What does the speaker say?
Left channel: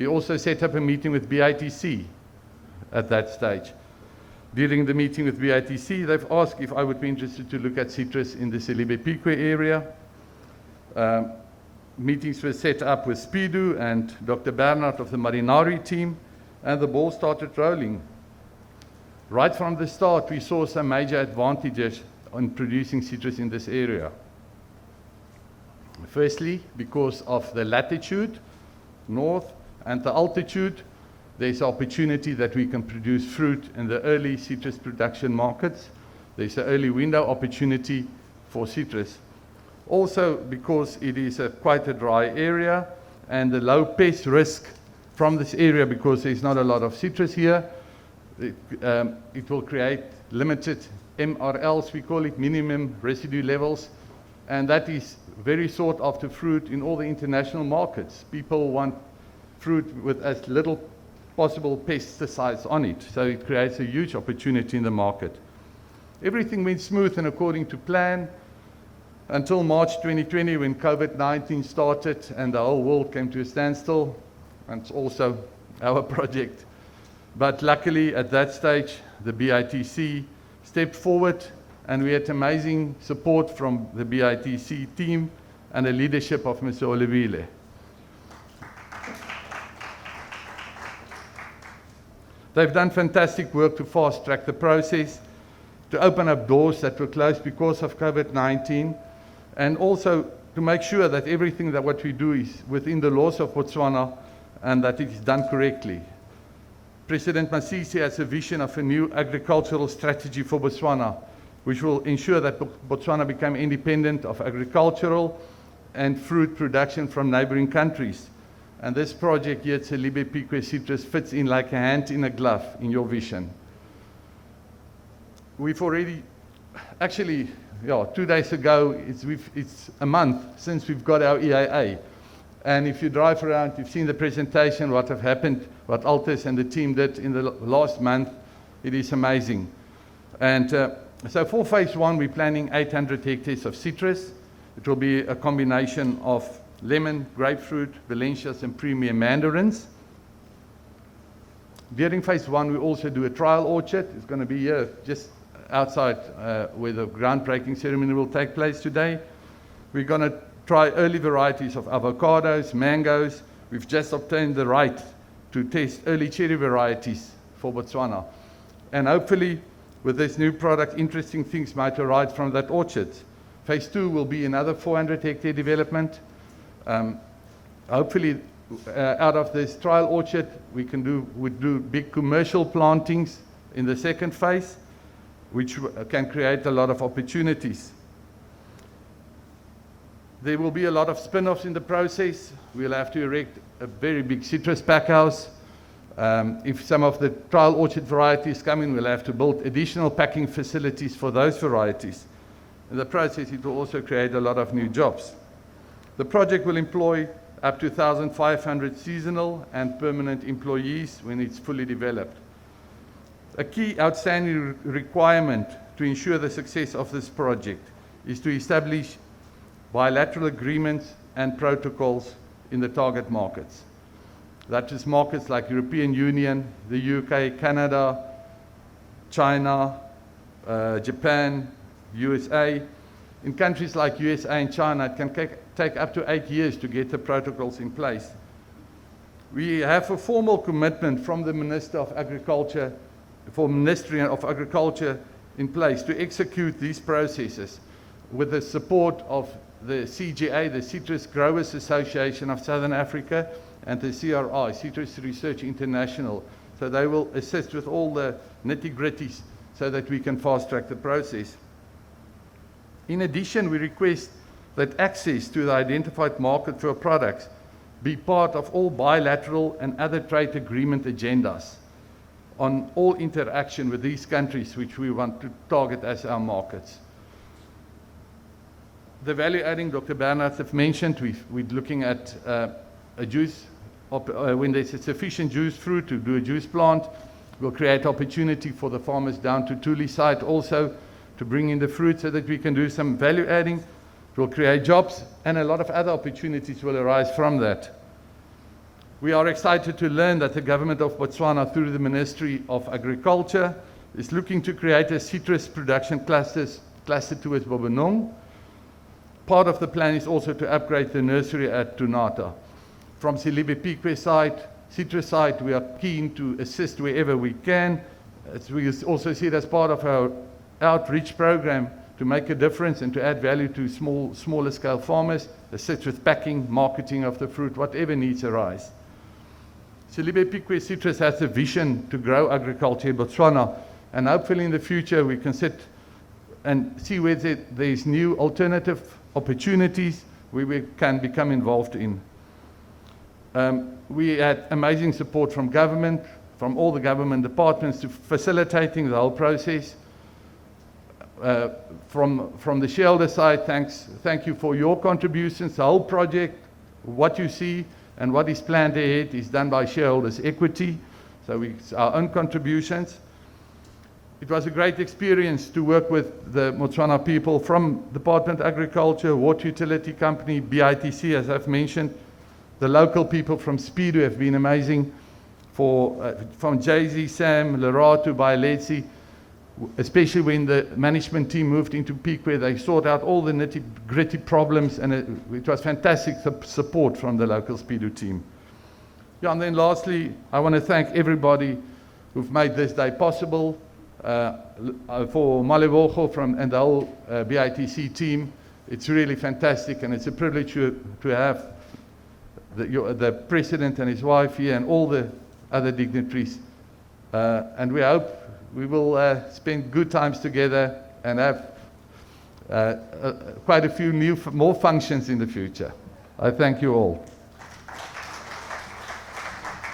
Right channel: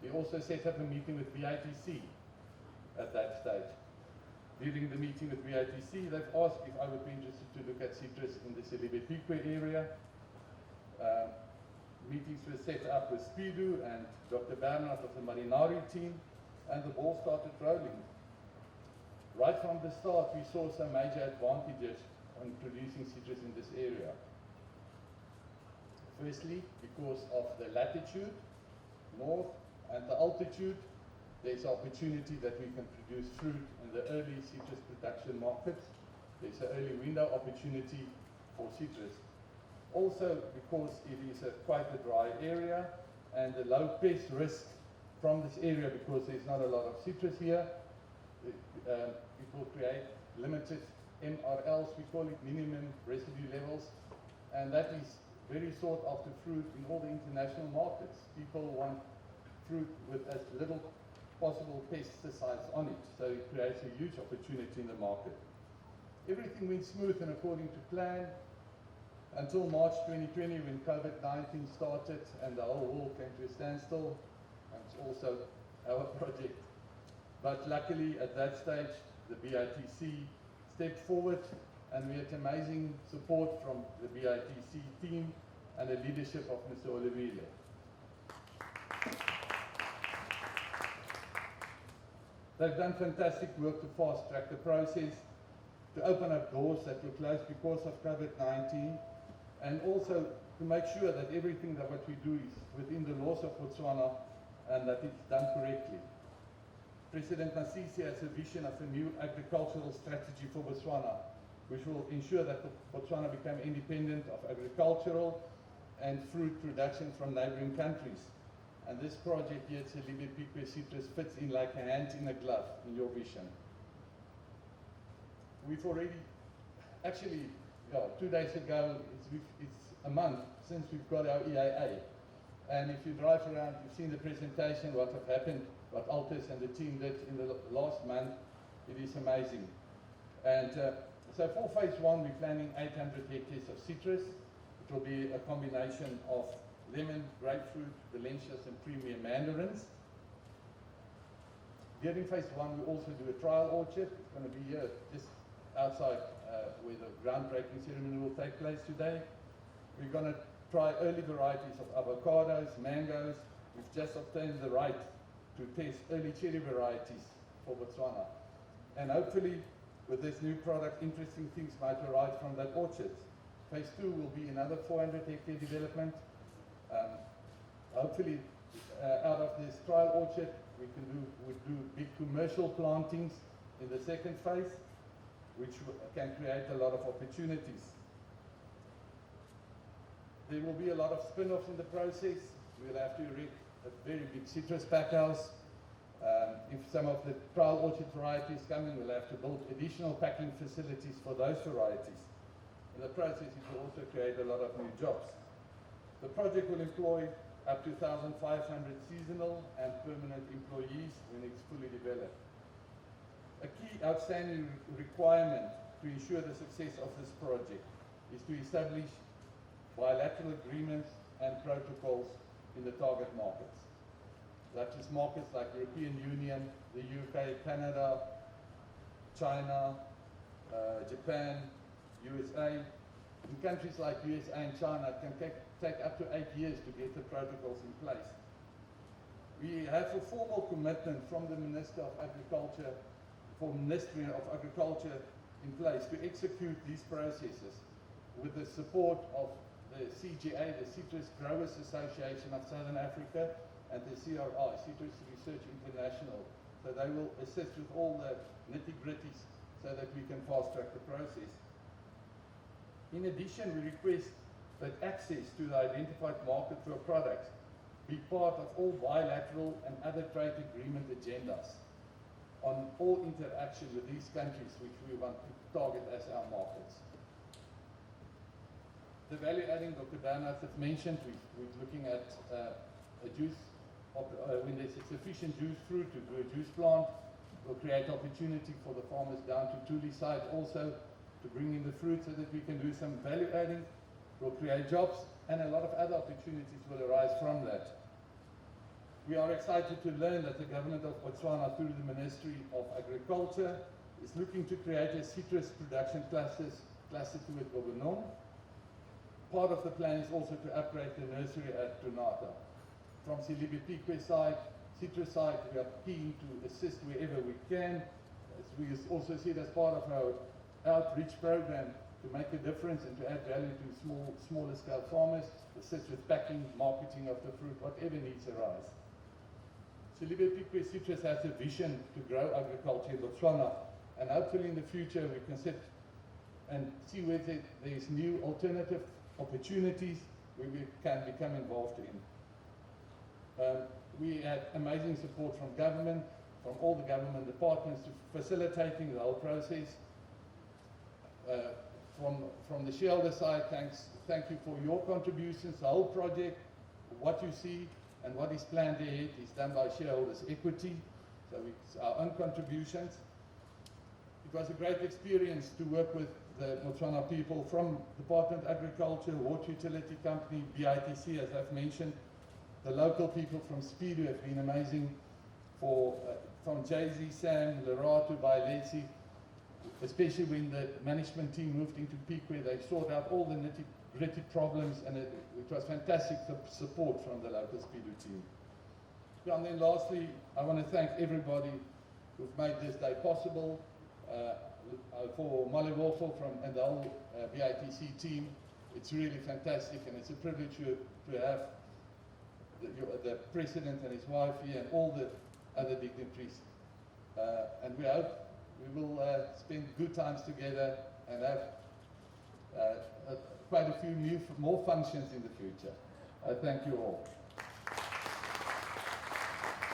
He also set up a meeting with BITC at that stage. During the meeting with BITC, they've asked if I would be interested to look at citrus in the Selebi Phikwe area. Meetings were set up with Speedo and Dr. Bernard of the Marinari team, and the ball started rolling. Right from the start, we saw some major advantages on producing citrus in this area. Firstly, because of the latitude, north, and the altitude, there's opportunity that we can produce fruit in the early citrus production markets. There's an early window opportunity for citrus. Also, because it is quite a dry area and the low pest risk from this area, because there's not a lot of citrus here, it will create limited MRLs, we call it, minimum residue levels, and that is very sought after fruit in all the international markets. People want fruit with as little possible pesticides on it, so it creates a huge opportunity in the market. Everything went smooth and according to plan until March 2020, when COVID-19 started and the whole world came to a standstill, and it's also our project. But luckily at that stage the BITC stepped forward, and we had amazing support from the BITC team and the leadership of Mr Olebile. They've done fantastic work to fast track the process, to open up doors that were closed because of COVID-19, and also to make sure that everything that what we do is within the laws of Botswana and that it is done correctly. President Masisi has a vision of a new agricultural strategy for Botswana, which will ensure that Botswana become independent of agricultural and fruit production from neighboring countries. And this project here at Selebi Phikwe Citrus fits in like a hand in a glove in your vision. We've already, actually, 2 days ago, it's a month since we've got our EIA. And if you drive around, you've seen the presentation, what have happened, what Altus and the team did in the last month. It is amazing. And so for phase 1, we're planning 800 hectares of citrus. It will be a combination of lemon, grapefruit, Valencias, and premium mandarins. During phase 1, we also do a trial orchard. It's going to be here, just outside where the groundbreaking ceremony will take place today. We're going to try early varieties of avocados, mangoes. We've just obtained the right to test early cherry varieties for Botswana. And hopefully, with this new product, interesting things might arise from that orchard. Phase 2 will be another 400 hectare development. Hopefully, out of this trial orchard, we would do big commercial plantings in the second phase, which can create a lot of opportunities. There will be a lot of spin-offs in the process. We'll have to erect a very big citrus packhouse. If some of the trial orchard varieties come in, we'll have to build additional packing facilities for those varieties. In the process, it will also create a lot of new jobs. The project will employ up to 1,500 seasonal and permanent employees when it's fully developed. A key outstanding requirement to ensure the success of this project is to establish bilateral agreements and protocols in the target markets. That is markets like European Union, the UK, Canada, China, Japan, USA. In countries like USA and China, it can take up to 8 years to get the protocols in place. We have a formal commitment from the Minister of Agriculture, for Ministry of Agriculture in place to execute these processes with the support of the CGA, the Citrus Growers Association of Southern Africa, and the CRI, Citrus Research International. So they will assist with all the nitty-gritties so that we can fast-track the process. In addition, we request that access to the identified market for products be part of all bilateral and other trade agreement agendas on all interaction with these countries which we want to target as our markets. The value adding, Dr. Bernard have mentioned, we're looking at a juice, when there's a sufficient juice fruit to do a juice plant, we'll create opportunity for the farmers down to Tuli site also to bring in the fruit so that we can do some value adding. It will create jobs, and a lot of other opportunities will arise from that. We are excited to learn that the government of Botswana, through the Ministry of Agriculture, is looking to create a citrus production cluster towards Bobenong. Part of the plan is also to upgrade the nursery at Tunata. From Selebi Phikwe side, citrus side, we are keen to assist wherever we can. As we also see it as part of our outreach program to make a difference and to add value to smaller scale farmers, assist with packing, marketing of the fruit, whatever needs arise. Selebi Phikwe Citrus has a vision to grow agriculture in Botswana, and hopefully in the future we can sit and see where there's new alternative opportunities where we can become involved in. We had amazing support from government, from all the government departments to facilitating the whole process. From the shareholder side, thank you for your contributions. The whole project, what you see and what is planned ahead is done by shareholders' equity, so it's our own contributions. It was a great experience to work with the Botswana people from Department of Agriculture, Water Utility Company, BITC, as I've mentioned. The local people from Speed have been amazing, from Jay-Z, Sam, Lerato, Bailetsi, especially when the management team moved into Phikwe, they sorted out all the nitty-gritty problems, and it was fantastic support from the local Speedo team. Yeah, and then lastly, I want to thank everybody who've made this day possible. For Malebogo and the whole BITC team, it's really fantastic, and it's a privilege to have the president and his wife here and all the other dignitaries. And we hope we will spend good times together and have quite a few more functions in the future. I thank you all.